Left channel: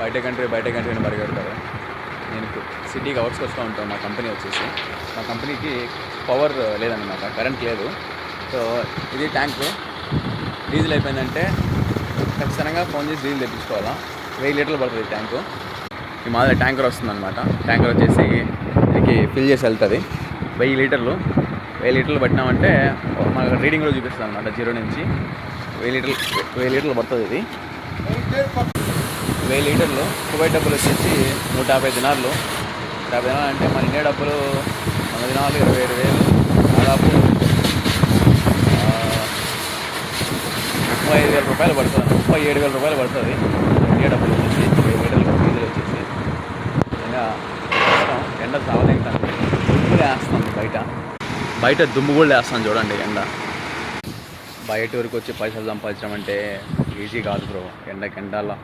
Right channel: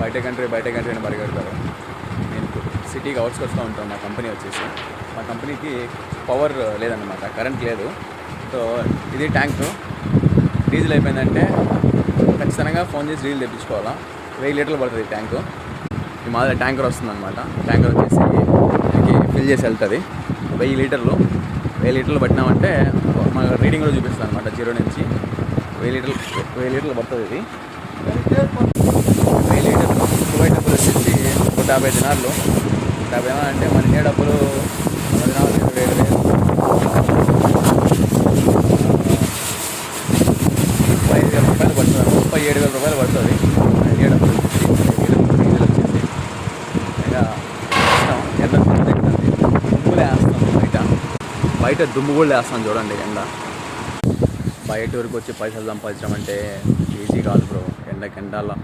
బయట కంట్రీ అని పరిగెడతారు. నేను సిటీకి అవుట్స్కొస్తూ ఉంటాను. మా కంపెనీ వచ్చేసి, మా కంపెనీకి పవర్ లేదన్నమాట, కరెంట్ లేదు. సో ఇది ట్యాంకు. డీజిల్ అయిపోయిందంటే ఖచ్చితంగా ఫోన్ చేసి డీజిల్ తెప్పించుకోవాలా. 1000 లీటర్లు పడుతుంది ట్యాంకు. ఈ మాదిరి ట్యాంకర్ వస్తుందన్నమాట. ట్యాంకర్ వచ్చేసి దీనికి ఫిల్ చేసి వెళ్తుంది. 1000 లీటర్లు పట్టినామంటే మాకు రీడింగ్ కూడా చూపిస్తుంది అనమాట. 0 నుంచి 1000 లీటర్లు పడుతుంది. ఇది 1000 లీటర్లు. దుబాయ్ డబ్బులు వచ్చేసి 150 దినార్లు. 150 దినాలు అంటే మన ఇండియా డబ్బులు 100 దినాలు 27,000, 35,000 రూపాయలు పడుతుంది. 37,000 రూపాయలు పడుతుంది ఇండియా డబ్బులు వచ్చేసి. 1000 లీటర్లు డీజిల్ వచ్చేసి ఇంకా వేస్తాం. ఎండ చాలా తింటాం. దుమ్ము వేస్తాం బయట దుమ్ము కూడా వేస్తాం చూడండి. బయట వరకు వచ్చి పైసలు సంపాదించడం అంటే ఈజీ కాదు బ్రో. ఎండలో